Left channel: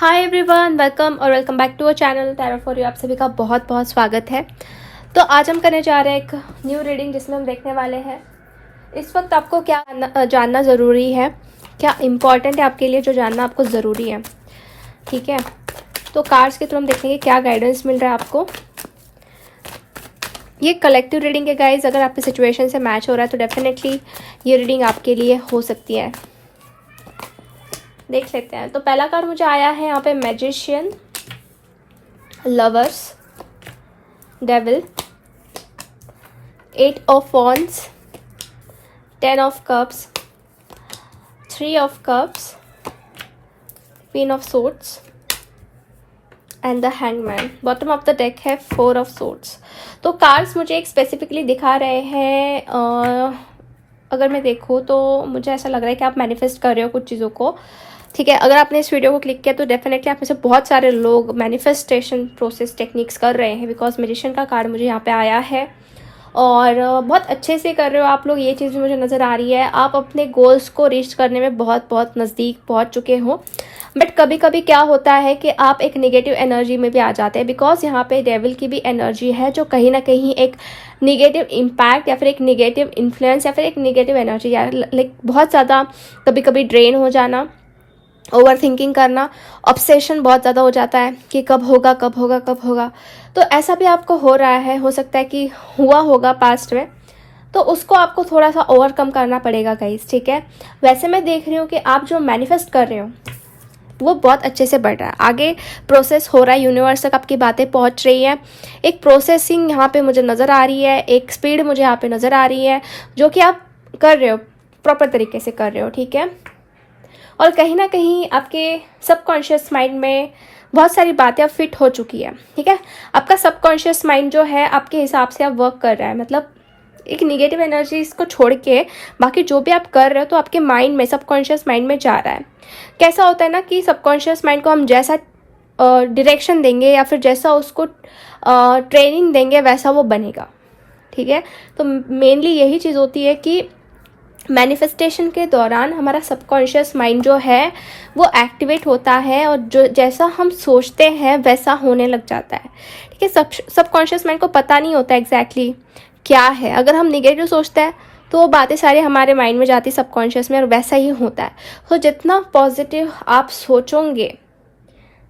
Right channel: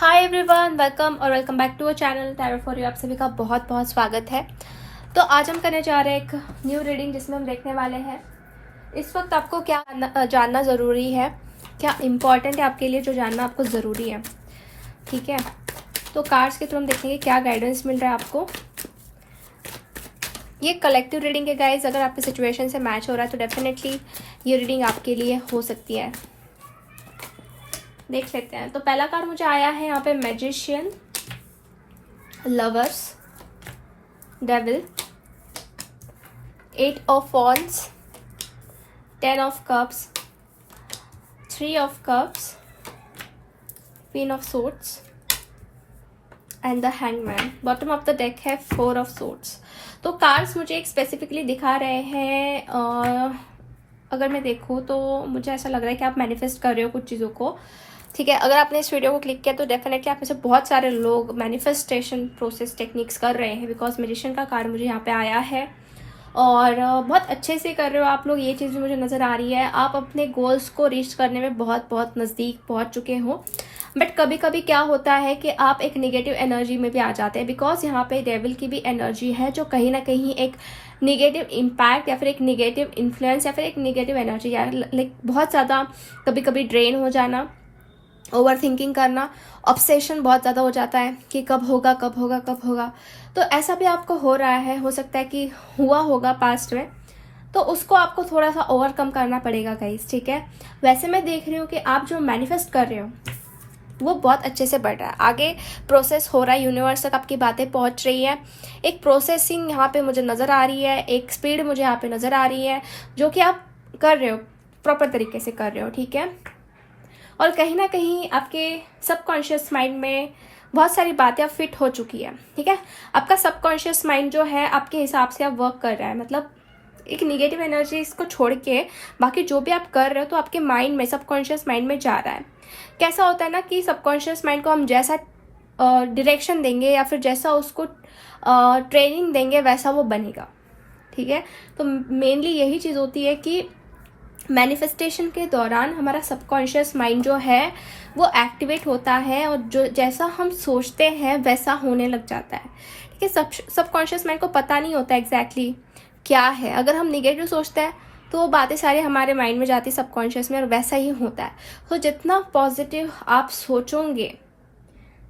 Hi everyone, welcome back to our channel tarot for you. आप सभी का बहुत बहुत स्वागत है। तो आज हम करने जा रहे हैं एक न्यू रीडिंग जिसमें हम देखने वाले हैं इस वक्त आपको क्या जानना ज़रूरी है, क्या इम्पोर्टेंट है आपके लिए, जो जानना आपको ज़रूरी है। ठीक है, तो कार्ड्स के थ्रू हम देखेंगे क्या गाइडेंस मिल रहा है आपको। ये कलेक्टिव रीडिंग है गाइज। अगर आपकी सिचुएशन से मैच हो रहा है तो डेफिनेटली ये रीडिंग आपके लिए हो सकती है। देख लेते हैं। तो पहला कार्ड मुझे आया है यहाँ पे magician, lovers, devil, 8 of wands, 10 of cups, 3 of cups, queen of swords and the hangman. Bottom of the deck है 4 ऑफ सोर्ड्स। तो कार्ड्स मुझे एक स्पेसिफिकली दिखा रहे हैं। अगर मैं देखूँ तो मुझे ऐसा लग रहा है कि आप मैनिफेस्ट कर रहे हो कुछ चीज़ों को। ठीक है, अगर आपने इस वीडियो को क्लिक किया तो डेफिनेटली आप में से बहुत सारे लोग मैनिफेस्टेशन प्रोसेस टेक्निक्स कर रहे हैं, बिकॉज मैजिशियन का कार्ड मुझे यहाँ पे आया है और बहुत अच्छे से कर रहे हो आप लोग। ये चीज़ भी मुझे नज़र आ रही है। आप अपने गोल्स को रीच करने में बहुत बहुत नज़दीक पहुँच चुके हो। बट कभी कभी क्या होता है कि आप एक नेगेटिव एनर्जी में भी आ जाते हैं, बिकॉज यहाँ पे डेविल की भी एनर्जी है जो कहीं ना कहीं एक निगेटिव इम्पैक्ट या फिर एक निगेटिव इन्फ्लुएंस या फिर एक निगेटिव एनर्जी या लाइक बहुत ज़्यादा कभी कभी ड्रेन हो जाना, ओवर थिंकिंग करना, ऑब्सेशन बहुत ज़्यादा हो जाता है कि कब होगा कब होगा कब होगा। तो ऐसा भी आपको हो रहा है, हो सकता है कि हुआ होगा पास्ट में, तो उसको आपको थोड़ा सा ओवरकम करना पड़ेगा गाइस। ठीक है, वैसे मैं देख रही हूँ कि आप जो मैनिफेस्ट कर रहे हो वो बहुत अच्छे से बढ़ रहा है, आगे प्रोसेस हो रहा है, यूनिवर्स तक आपकी बातें पहुंच रही है। एक प्रोसेसिंग यहाँ पे मुझे नज़र आ रही है, एक स्पीड मुझे यहाँ पे नज़र आ रही है जो कि आप कर रहे हो, प्रॉपर तरीके से कर रहे हो। ठीक है, और कहीं ना कहीं आपके सबकॉन्शियस माइंड में बहुत सारी बातें अब फिट हो चुकी है। ठीक है, आपका सबकॉन्शियस माइंड जो है आपके हिसाब से अब वर्क कर रहा है, मतलब एक निगेटिव एनर्जी इसको छोड़ के बाकी जो भी आप कर रहे हो तो आपके माइंड में, सबकॉन्शियस माइंड में जा रहा है। कैसा होता है ना कि सबकॉन्शियस माइंड को हम जैसा डायरेक्शन देंगे या फिर जैसा उसको ट्रेनिंग देंगे वैसा वो बनेगा। ठीक है, तो मेनली यही चीज़ होती है कि मैनिफेस्टेशन के दौरान हमारा सबकॉन्शियस माइंड जो है वो एक्टिवेट होता है और जो जैसा हम सोचते हैं वैसा होने लग जाता है। ठीक है, सबकॉन्शियस माइंड को पता नहीं होता एग्जैक्टली क्या है। अगर हम निगेटिव सोचते हैं तो वो बातें सारी हमारे माइंड में जाती सबकॉन्शियस में और वैसा ही होता है। तो जितना पॉजिटिव आप सोचोगे,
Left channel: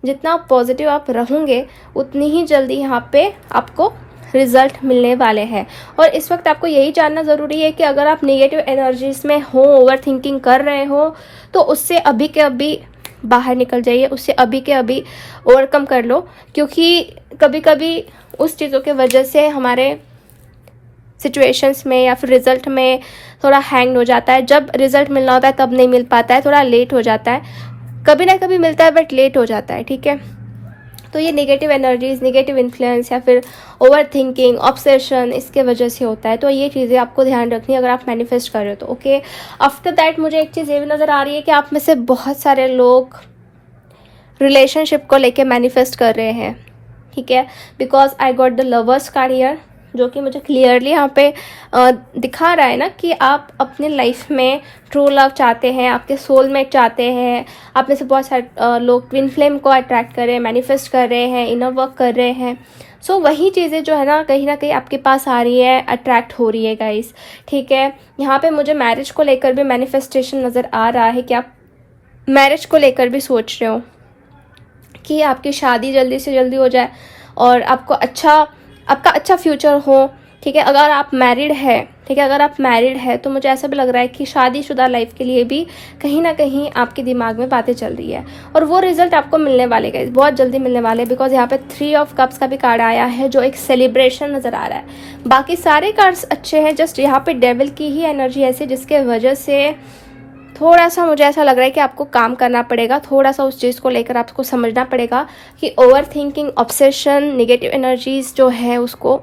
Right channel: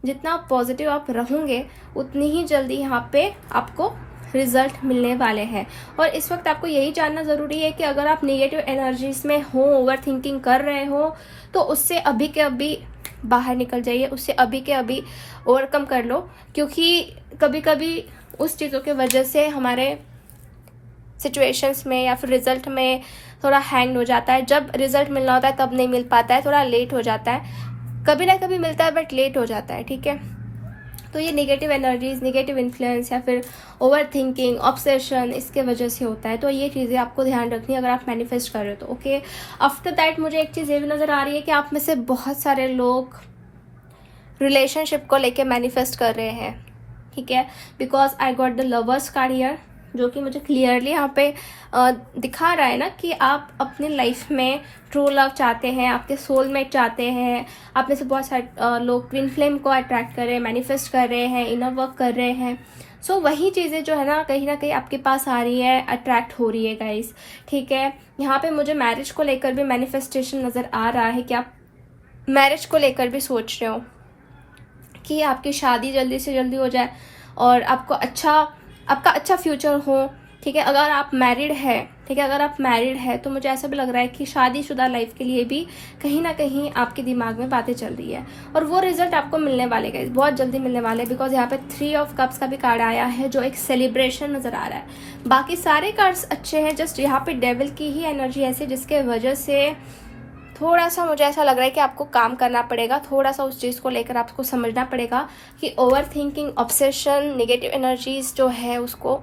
जितना पॉजिटिव आप रहोगे, उतनी ही जल्दी यहाँ पे आपको रिजल्ट मिलने वाले हैं। और इस वक्त आपको यही जानना ज़रूरी है कि अगर आप नेगेटिव एनर्जीज में हो, ओवर थिंकिंग कर रहे हो, तो उससे अभी के अभी बाहर निकल जाइए, उससे अभी के अभी ओवरकम कर लो। क्योंकि कभी कभी उस चीज़ों के वजह से हमारे सिचुएशंस में या फिर रिजल्ट में थोड़ा हैंग हो जाता है। जब रिजल्ट मिलना होता है तब नहीं मिल पाता है, थोड़ा लेट हो जाता है, कभी ना कभी मिलता है बट लेट हो जाता है। ठीक है, तो ये नेगेटिव एनर्जीज, नेगेटिव इन्फ्लुएंस या फिर ओवर थिंकिंग, ऑब्सेशन, इसके वजह से होता है। तो ये चीज़ें आपको ध्यान रखनी है अगर आप मैनिफेस्ट कर रहे हो तो। ओके, आफ्टर दैट मुझे एक चीज़ ये भी नज़र आ रही है कि आप में से बहुत सारे लोग रिलेशनशिप को लेके मैनिफेस्ट कर रहे हैं। ठीक है, because I got the lovers card here, जो कि मुझे क्लियरली यहाँ पे दिखा रहा है ना कि आप अपने लाइफ में ट्रू लव चाहते हैं, आपके सोलमेट चाहते हैं। आप में से बहुत सारे लोग ट्विन फ्लेम को अट्रैक्ट कर रहे हैं, मैनिफेस्ट कर रहे हैं, इनर वर्क कर रहे हैं। सो वही चीज़ें जो है ना कहीं आपके पास आ रही है, अट्रैक्ट हो रही है गाइस। ठीक है, यहाँ पे मुझे मैरिज को लेकर भी मैनिफेस्टेशन नज़र आ रहा है कि आप मैरिज को लेकर भी सोच रहे हो कि आपकी शादी जल्दी से जल्दी हो जाए और आपका अच्छा फ्यूचर हो। ठीक है, अगर आप मैरिड है, ठीक है, अगर आप मैरिड है तो मुझे ऐसा भी लग रहा है कि शादीशुदा लाइफ के लिए भी कहीं ना कहीं आपके दिमाग में बातें चल रही है और वो रिजल्ट आपको मिलने वाले गाइस, बहुत जल्दी मिलने वाले। बिकॉज यहाँ पे 3 ऑफ कप्स का भी कार्ड आया है जो एक सेलिब्रेशन नजर आ रहा है। बाकी सारे कार्ड्स अच्छे हैं, जस्ट यहाँ पे डेविल की ही एनर्जी ऐसी जिसके वजह से थोड़ा सा मुझे ऐसा लग रहा है कि आपको काम करना पड़ेगा, थोड़ा सा उस चीज़ को लेकर आपको समझना पड़ेगा कि over thinking, obsession, negative energies जो है उसको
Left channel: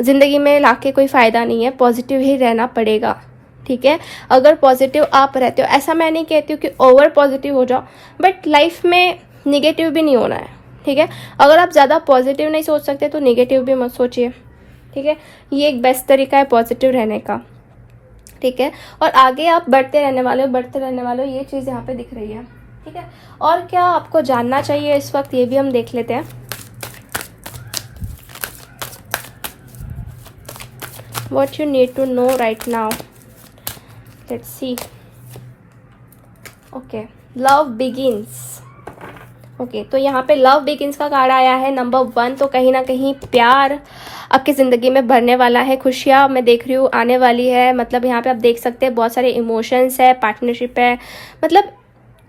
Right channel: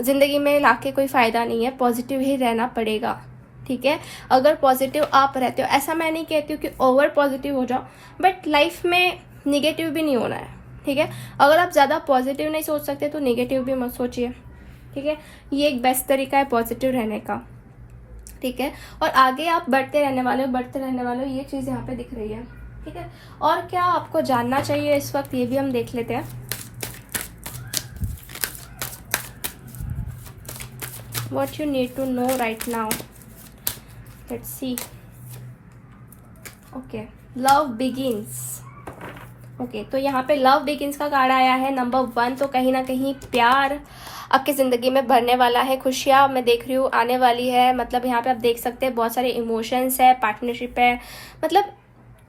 ज़िंदगी में लाके कोई फ़ायदा नहीं है, पॉजिटिव ही रहना पड़ेगा। ठीक है, अगर पॉजिटिव आप रहते हो, ऐसा मैं नहीं कहती हूँ कि ओवर पॉजिटिव हो जाओ, बट लाइफ में निगेटिव भी नहीं होना है। ठीक है, अगर आप ज़्यादा पॉजिटिव नहीं सोच सकते तो निगेटिव भी मत सोचिए। ठीक है, ये एक बेस्ट तरीका है पॉजिटिव रहने का। ठीक है, और आगे आप बढ़ते रहने वाले हो, ये चीज़ यहाँ पे दिख रही है। ठीक है, और क्या आपको जानना चाहिए इस वक्त, ये भी हम देख लेते हैं। What you need to know right now. Let's see. Okay, love begins. Okay तो यहाँ पे लव बिगिंस का कार्ड आया है नंबर 1। तो कहीं ना कहीं प्यार आपकी ज़िंदगी में भरने वाला है, खुशियाँ मैं देख रही हूँ आने वाली है। मतलब यहाँ पे आप देख सकते हैं बहुत सारे इमोशंस है, पार्टनरशिप है, मतलब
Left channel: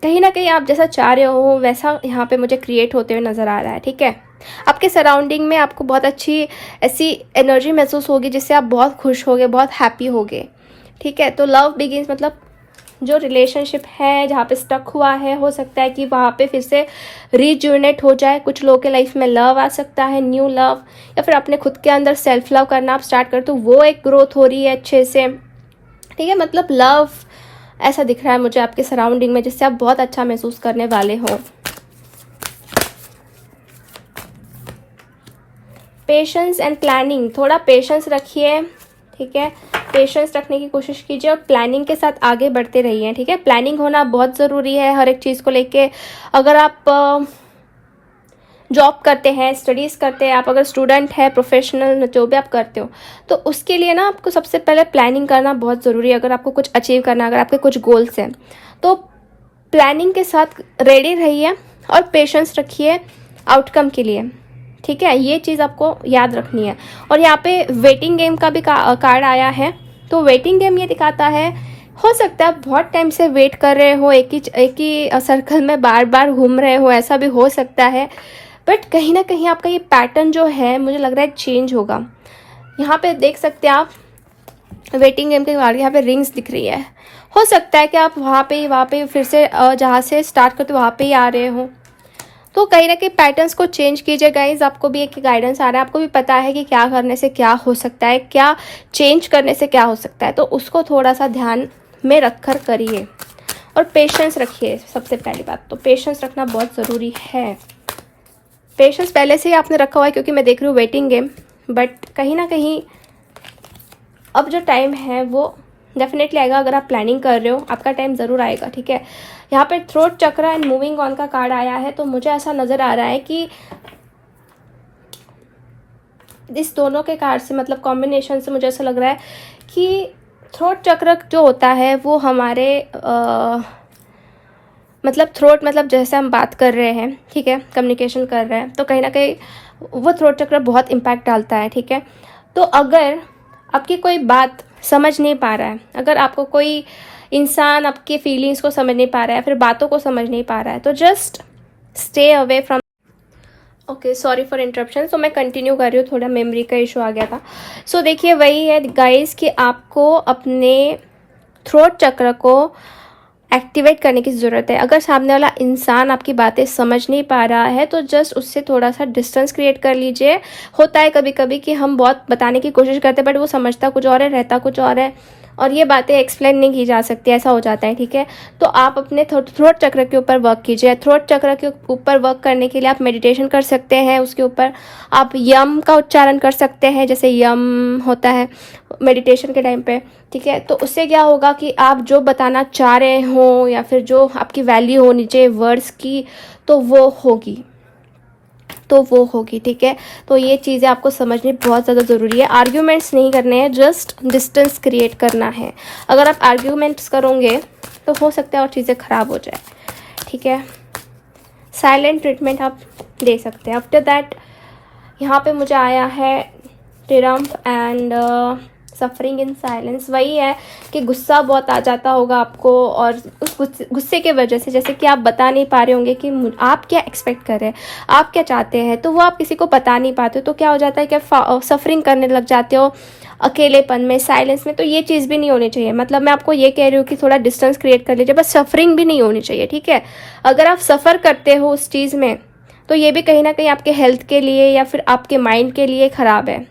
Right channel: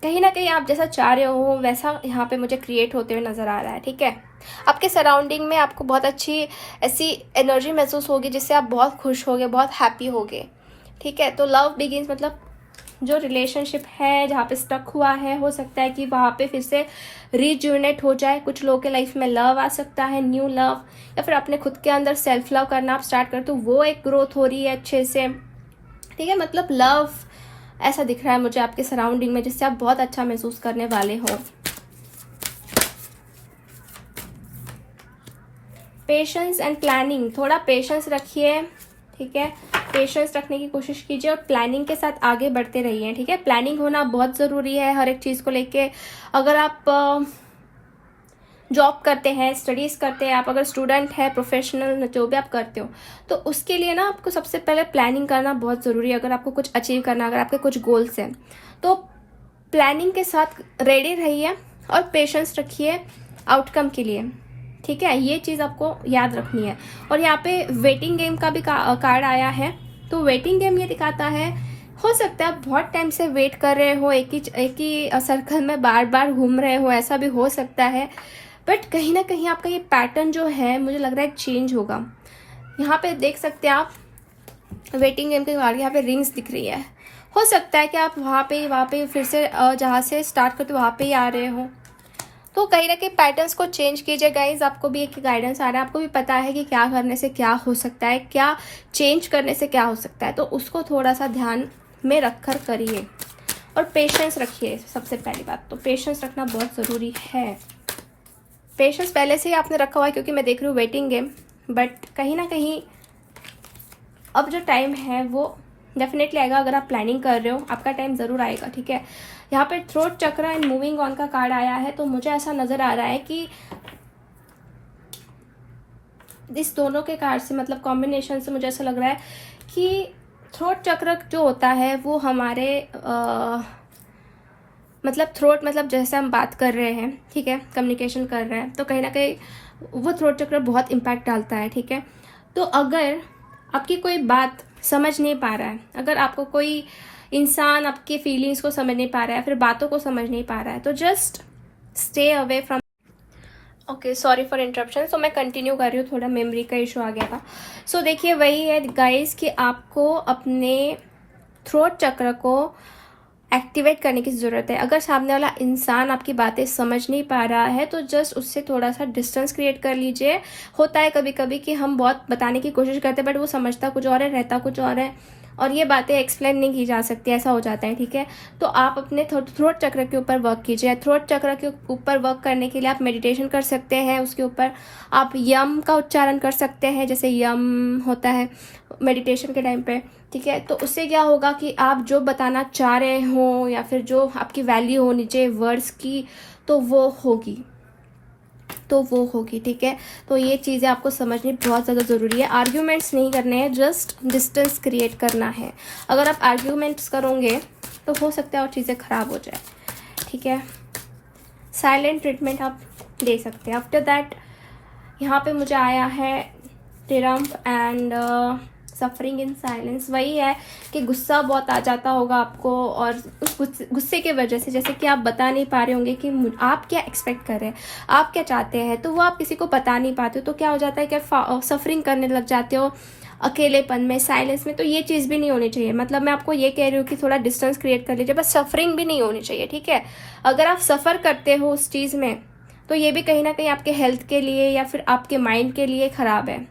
कहीं ना कहीं आप जैसा चाह रहे हो वैसा यहाँ पे मुझे क्रिएट होते हुए नज़र आ रहा है। ठीक है, आपके सराउंडिंग में आपको बहुत अच्छी ऐसी एनर्जी महसूस होगी जिससे आप बहुत खुश होगे, बहुत हैप्पी होगे। ठीक है, तो लव बिगिंस मतलब जो रिलेशनशिप है जहाँ पे स्टक हुआ है, हो सकता है कि वहाँ पे फिर से रिज्यूनेट हो जाए। कुछ लोगों के लाइफ में लव आ सकता है, न्यू लव, या फिर अपने खुद के अंदर सेल्फ लव करना आप स्टार्ट करते हो, वो एक ग्रोथ हो रही है अच्छे से। ठीक है, मतलब लव ऐसा दिख रहा है मुझे आपके सराउंडिंग में जिससे आप बहुत अच्छा महसूस करने वाले हो। पेशेंस एंड प्लानिंग, थोड़ा पेशेंस रखिए। ठीक है, पेशेंस रखने की कोशिश कीजिए और प्लानिंग के साथ आगे बढ़ते रहिए। ठीक है, प्लानिंग होना बहुत ज़रूरी है हर एक चीज़ को लेके। अगर आप जॉब करते हैं, स्टडीज़ करते हैं, आप अगर स्टूडेंट है, प्रोफेशनल जो भी आप करते हो, तो उसके लिए ना आपको सबसे पहले प्लानिंग करना बहुत ज़रूरी है। अगर आपको कुछ अचीव करना है, अगर आपके कुछ गोल्स हैं, तो प्लानिंग के साथ रेडी रहिए और पेशेंस रखिए आउटकम के लिए। ठीक है, ये चीज़ आपको याद रखनी है। और यहाँ पे वेटिंग गेम का भी कार्ड आया है। तो वेटिंग गेम ये दिखाता है, हो सकता है आप बहुत टाइम से वेट कर रहे हो, एक ही सर्कल में बार बार घूम रहे हो, ऐसा भी हो सकता है। बट कहीं ना कहीं आपका ये पैटर्न जो है मुझे लग रहा है चेंज होगा। यहाँ पे देख सकते हैं आप वेटिंग गेम के कार्ड, यहाँ पे रिंग्स दिख रही है। हो सकता है कि आप वहाँ पे फिर से जहाँ से स्टार्ट करते वहाँ पे ही आ रहे हो। तो कहीं ना कहीं पैटर्न्स को चेंज कीजिए गाइज। आपको भी एक गाइडेंस आ रहा है, आपको भी पता है कि क्या करने से क्या हो सकता है, क्या चेंज करने से क्या हो सकता है। तो उसको थोड़ा सा ध्यान में रखकर करिए और पेशेंस रखिए। सबसे पहली बात तो पेशेंस रखना बहुत ज़रूरी है। पेशेंस पहले से ही आपने रखा हुआ है क्योंकि मैं देख रही हूँ वेटिंग गेम। बट कहीं ना कहीं अब जो टाइम है वो डेफिनेटली आएगा। अगर आप प्लानिंग कर रहे हो आपका टाइम ज़रूर आएगा। ठीक है, यहाँ पे थ्रोट चक्र एंड मूविंग ऑन का कार्ड आया है। तो मुझे ऐसा नज़र आ रहा है कि इस दोनों के कार्ड से मतलब कॉम्बिनेशन से मुझे ऐसा लग रहा है कि थ्रोट चक्र जो होता है वो हमारे मतलब थ्रोट मतलब जैसे हम बात कर रहे हैं, ठीक है, कम्युनिकेशन कर रहे हैं, तो कहीं ना कहीं वो थ्रोट चक्र बहुत इम्पैक्ट डालता है। ठीक है, तो अगर आपकी कोई बात समझ नहीं पा रहा है, अगर आपको कोई इंसान आपकी फीलिंग्स को समझ नहीं पा रहा है, फिर बातों को समझ नहीं पा रहा है, तो just stay away from. Okay, sorry for interruption. So मैं कंटिन्यू कर रही हूँ, थोड़ा मेमोरी का इशू आ गया था। सो देखिए वही है गाइस कि आपको अपने थ्रोट चक्र को एक्टिवेट करने की ज़रूरत है। अगर सामने वाला इंसान आपकी बातें समझ नहीं पा रहा है तो जस्ट उससे थोड़ा सा डिस्टेंस क्रिएट कर लीजिए। होता है कभी कभी कि हम बहुत बताने की कोशिश करते हैं बट वो समझता कुछ और है, रहता कुछ और है, और ये बातें एक्सप्लेन नहीं की जा सकती, ऐसा हो जाता है। ठीक है, तो आप अपने थ्रोट चक्र के ऊपर वर्क कीजिए। थ्रोट चक्र के ऊपर वर्क करने के लिए आप मेडिटेशन कर सकते हैं। उसके ऊपर आप यम का उच्चारण कर सकते हैं, जैसे यम होता है मेडिटेशन के टाइम पे। ठीक है, तो उससे क्या होगा कि आप जो बताना चाह रहे हो या फिर जो आपकी वैल्यू होनी चाहिए वर्ड्स की, तो वो होगी। ठीक है, तो ये चीज़ें आपको समझनी बहुत ज़्यादा ज़रूरी है। आर्ग्यूमेंट्स नहीं करने हैं, जस्ट डिस्टेंस क्रिएट करना है। अगर आप आर्ग्यूमेंट्स करोगे तो हो सकता है और चीज़ें ख़राब हो जाए। ठीक है, साइलेंट ट्रीटमेंट आप दे सकते हैं। आफ्टर दैट यहाँ पे मुझे आया है triumph and suffering in silence. वही है कि गुस्सा बहुत आ जाता होगा आपको, और उस गुस्से के वजह से जैसे कि आप बता नहीं पा रहे होंगे कि आप क्या एक्सपेक्ट कर रहे हैं, आप क्या चाहते हैं, तो वो आप किसी को बता नहीं पाते हो। तो क्या हो जाता है कि सफरिंग करने लग जाते हो अकेलेपन में, साइलेंस में। तो ये चीज़ भी नहीं होनी चाहिए। मतलब मैं आपको ये कह रही हूँ कि थोड़ा डिस्टेंस क्रिएट कर लीजिए, बस सफरिंग भी नहीं होनी चाहिए। ठीक है, अगर आप सफ़र करते हो उस चीज़ में तो ये भी कहीं ना कहीं आपके हेल्थ के लिए या फिर आपके माइंड के लिए ख़राब है।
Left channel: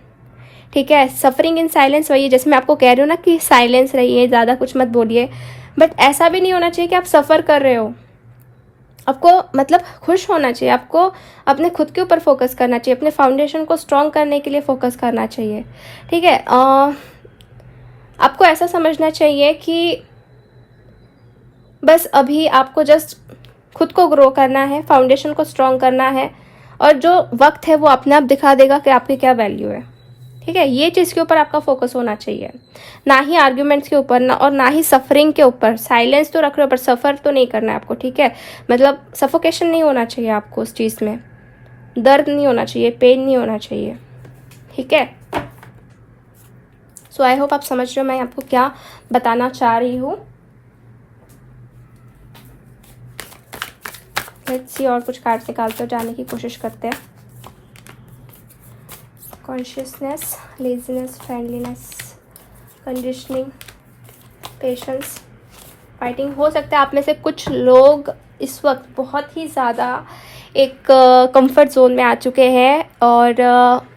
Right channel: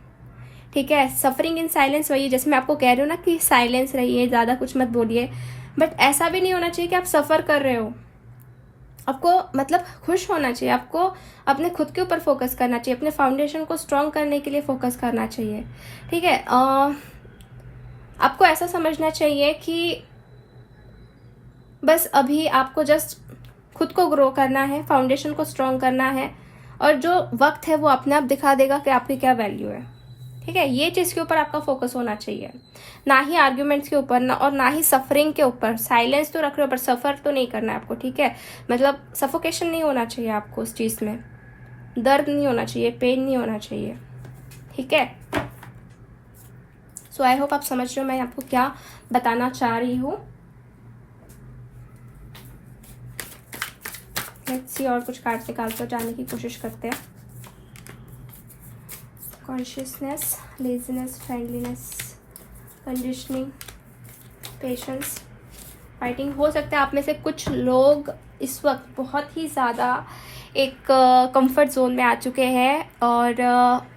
ठीक है, सफरिंग इन साइलेंस वही है, जैसे मैं आपको कह रही हूँ ना कि साइलेंस रहिए, ज़्यादा कुछ मत बोलिए। बट ऐसा भी नहीं होना चाहिए कि आप सफ़र कर रहे हो। आपको मतलब खुश होना चाहिए, आपको अपने खुद के ऊपर फोकस करना चाहिए, अपने फाउंडेशन को स्ट्रॉन्ग करने के लिए फोकस करना चाहिए। ठीक है, आपको ऐसा समझना चाहिए कि बस अभी आपको जस्ट खुद को ग्रो करना है, फाउंडेशन को स्ट्रॉन्ग करना है, और जो वक्त है वो अपने आप दिखा देगा कि आपकी क्या वैल्यू है। ठीक है, ये चीज़ के ऊपर आपका फोकस होना चाहिए, ना ही आर्ग्यूमेंट्स के ऊपर, ना और ना ही सफरिंग के ऊपर। साइलेंस तो रख रहे हो पर सफ़र तो नहीं करना है आपको। ठीक है, मतलब सफोकेशन नहीं होना चाहिए आपको उस चीज़ में, दर्द नहीं होना चाहिए, पेन नहीं होना चाहिए। ठीक है, सो आई होप आप समझ रहे हो मैं आपको क्या बताना चाह रही हूँ। लेट्स सी, और कुछ कार्ड्स निकालते जाने की कोशिश करते हैं। Consciousness, laziness, friendliness, conditioning, patience, fighting. हो सकता है आप में से कुछ लोग इस वक्त बहुत ही ज़्यादा एक कंफर्ट जोन में आ चुके हैं, और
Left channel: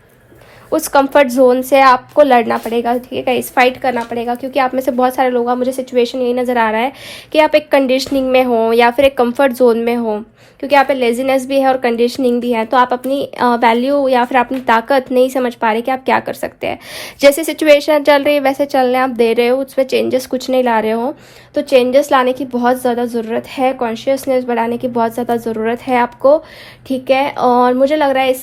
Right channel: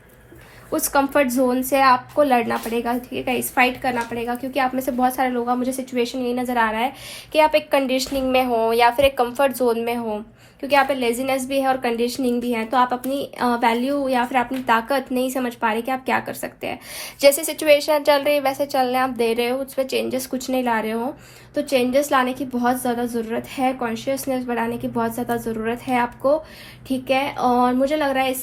उस कंफर्ट जोन से आपको लड़ना पड़ेगा। ठीक है गाइस, फाइट करना पड़ेगा, क्योंकि आप में से बहुत सारे लोग, मुझे सिचुएशन यही नज़र आ रहा है कि आप एक कंडीशनिंग में हो या फिर एक कंफर्ट जोन में हो, क्योंकि यहाँ पे लेजीनेस भी है और कंडीशनिंग भी है। तो आप अपनी वैल्यू या फिर अपनी ताकत नहीं समझ पा रहे कि आप क्या कर सकते हैं। जैसे सिचुएशन चल रही है वैसे चलने आप दे रहे हो, उसमें चेंजेस कुछ नहीं ला रहे हो। तो चेंजेस लाने की बहुत ज़्यादा ज़रूरत है, कॉन्शियसनेस बढ़ाने की बहुत ज़्यादा ज़रूरत है आपको। ठीक है, और मुझे लग रहा है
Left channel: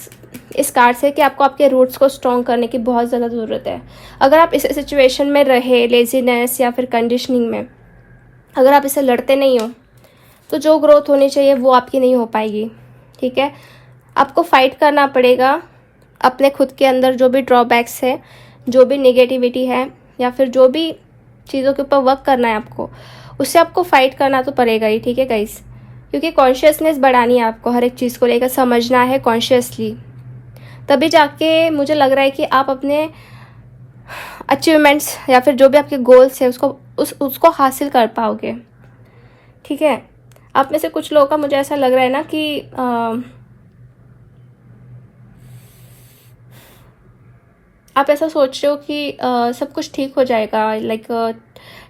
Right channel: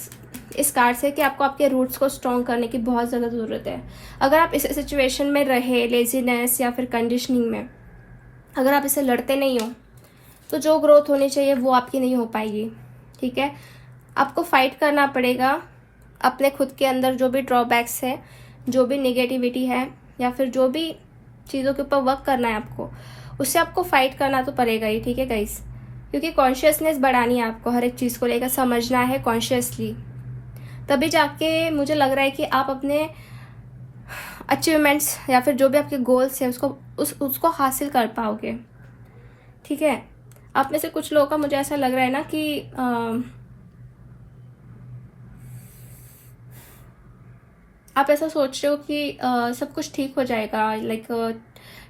इस कार्ड से कि आपको आपके रूट्स को स्ट्रॉन्ग करने की बहुत ज़्यादा ज़रूरत है। अगर आप इस सिचुएशन में रहे, लेजीनेस या फिर कंडीशनिंग में, अगर आप इसे लड़ते नहीं हो तो जो ग्रोथ होनी चाहिए वो आपकी नहीं हो पाएगी। ठीक है, आपको फाइट करना पड़ेगा अपने खुद के अंदर जो भी ड्रॉबैक्स है, जो भी नेगेटिविटी है, या फिर जो भी चीज़ों के ऊपर वर्क करना है आपको, उससे आपको फाइट करना तो पड़ेगा ही। ठीक है गाइस, क्योंकि कॉन्शियसनेस बढ़ानी है आपको, हर एक चीज़ को लेकर समझना है कॉन्शियसली, तभी जाके मुझे लग रहा है कि आप अपने अचीवमेंट्स या फिर जो भी आपके गोल्स है उसको हासिल कर पाओगे। ठीक है, आप में से कुछ लोगों का मुझे ऐसा लग रहा है ना कि आप ऐसा सोच रहे हो कि सब कुछ ठीक हो जाएगा, लाइक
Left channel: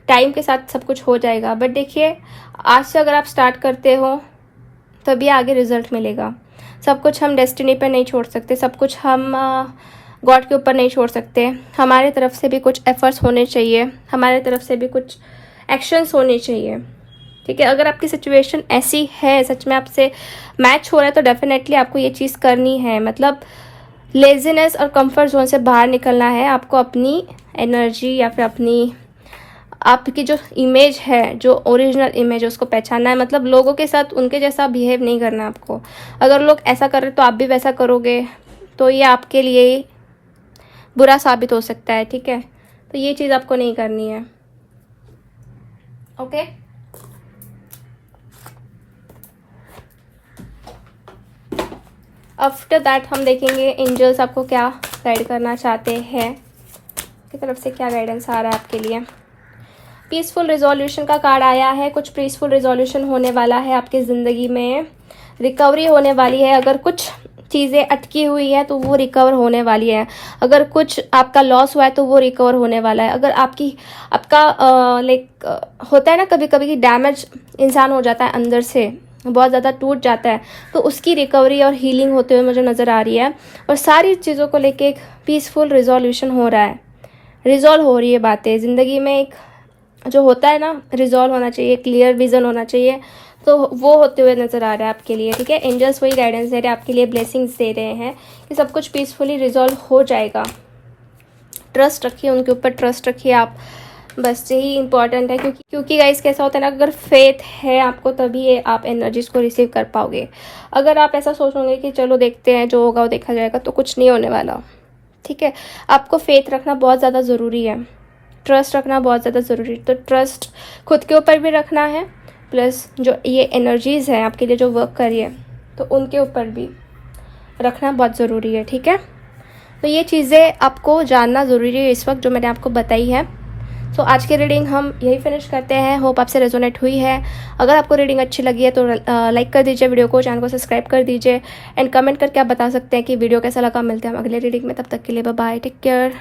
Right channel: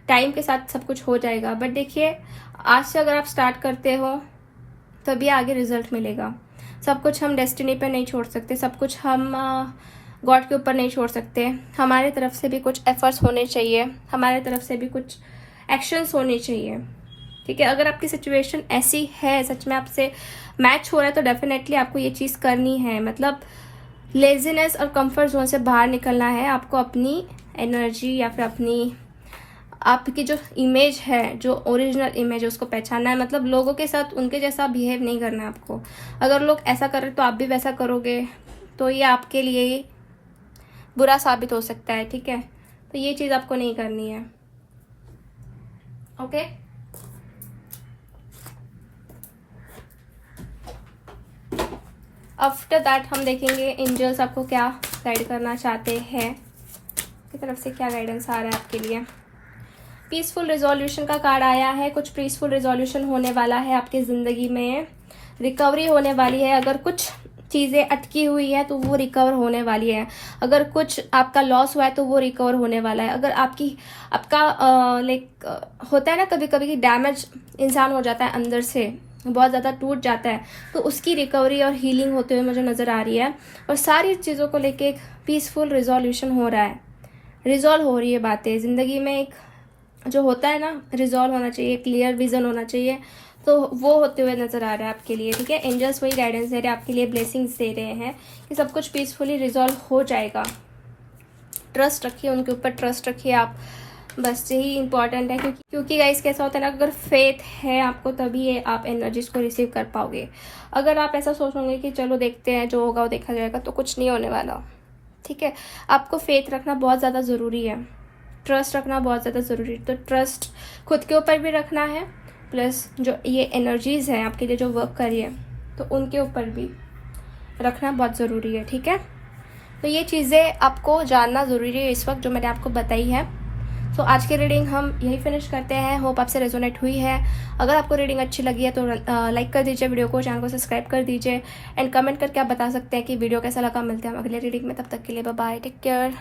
टाइम के साथ सब कुछ हो जाएगा। बट देखिए, आज से अगर आप स्टार्ट करते हो तभी आगे रिजल्ट मिलेगा। सब कुछ हम डेस्टिनी पे नहीं छोड़ सकते, सब कुछ हम गॉड के ऊपर नहीं छोड़ सकते। हमारे तरफ से भी कुछ एफर्ट्स होने चाहिए, हमारे तरफ से भी कुछ एक्शंस होने चाहिए। ठीक है, अगर आपकी सिचुएशन ऐसी है, सच में आपसे मैच हो रहा है, तो डेफिनेटली आपको ये चीज़ करनी है। मतलब लेजीनेस और कंफर्ट जोन से बाहर निकलना है आपको, अपनी एनर्जी या फिर अपनी आपकी जो इमेज है, जो ओरिजिनल इमेज है, उसको पहचानना है। मतलब लोगों के साथ उनके जैसा बिहेव नहीं करना आपको। अगर लोग ऐसा कर रहे तो आप भी वैसा करोगे तो ये आपके लिए बुरा साबित हो सकता है। ठीक है, तो ये चीज़ आपको नहीं करनी है। ओके, आफ्टर दैट हम देखेंगे एंजल्स आपको क्या गाइड करना चाहते हैं, की तरफ से क्या गाइडेंस आ रहा है आपके लिए। पीसफुल रिजोल्यूशन का कार्ड आया है। कुछ पीसफुल रिजोल्यूशन होने वाला है आपकी ज़िंदगी में, रिकवरी होने वाली है। अगर कुछ चीज़ें अटकी हुई है तो वो रिकवर होने वाली है। अगर कुछ आपका लॉस हुआ है तो वो रिकवर होने वाला है। अगर आपका लाइक होता है ना कभी कभी कि डैमेज इंसान हो जाता है, अंदर से बहुत ज़्यादा टूट जाता है, तो उसकी रिकवरी और हीलिंग होते हुए मुझे नज़र आ रही है। और सारी चीज़ों को लेके एक पीसफुल रिजोल्यूशन हो रहा है, रिजॉल्व हो रही है बातें ज़िंदगी में। एक जो होता है ना, रिजॉल्व होना चाहिए, क्लियर विजन होना चाहिए, तो वो होते हुए नज़र आ रहा है आपके लिए। ठीक है, एंजल्स वही गाइडेंस दे रहे हैं आपके लिए, ब्लेसिंग्स दे रहे हैं कि सब कुछ पीसफुली रिजॉल्व हो जाएगा। ट्रस्ट रखिए उनके ऊपर, ट्रस्ट रखिए आप, बस यही इंपॉर्टेंट है। क्योंकि गाइस कैसा होता है ना, अगर फेथ है आपको तभी आप एनर्जीज को रिसीव कर पाओगे। अगर आप ऐसा सोचोगे कि चलो देखते हैं जो होगा वो देखा जाएगा, तो कुछ नहीं होने वाला। ठीक है, आपको फेथ रखना बहुत ज़्यादा ज़रूरी है, ट्रस्ट रखना बहुत ज़्यादा ज़रूरी है। तो ट्रस्ट खुद के ऊपर भी रखना है, प्लस जो ये एनर्जीज़ हैं आपके लिए जो वर्क कर रही है, तो उनके ऊपर भी रखना बहुत ज़रूरी है। ठीक है, तो ये चीज़ें आपको जानना ज़रूरी है इस वक्त जो मैंने आपको बताई है। तो आज की रीडिंग हम यही फिनिश करते हैं। होप आपसे रेजोनेट हुई है। अगर आपको रीडिंग अच्छी लगी है तो लाइक कर दीजिए वीडियो को, चैनल को सब्सक्राइब कर दीजिए, एंड कमेंट करके आप बता सकते हैं कि वीडियो कैसा लगा। मिलते हैं हम अगले रीडिंग में, तब तक के लिए बाय बाय, टेक केयर।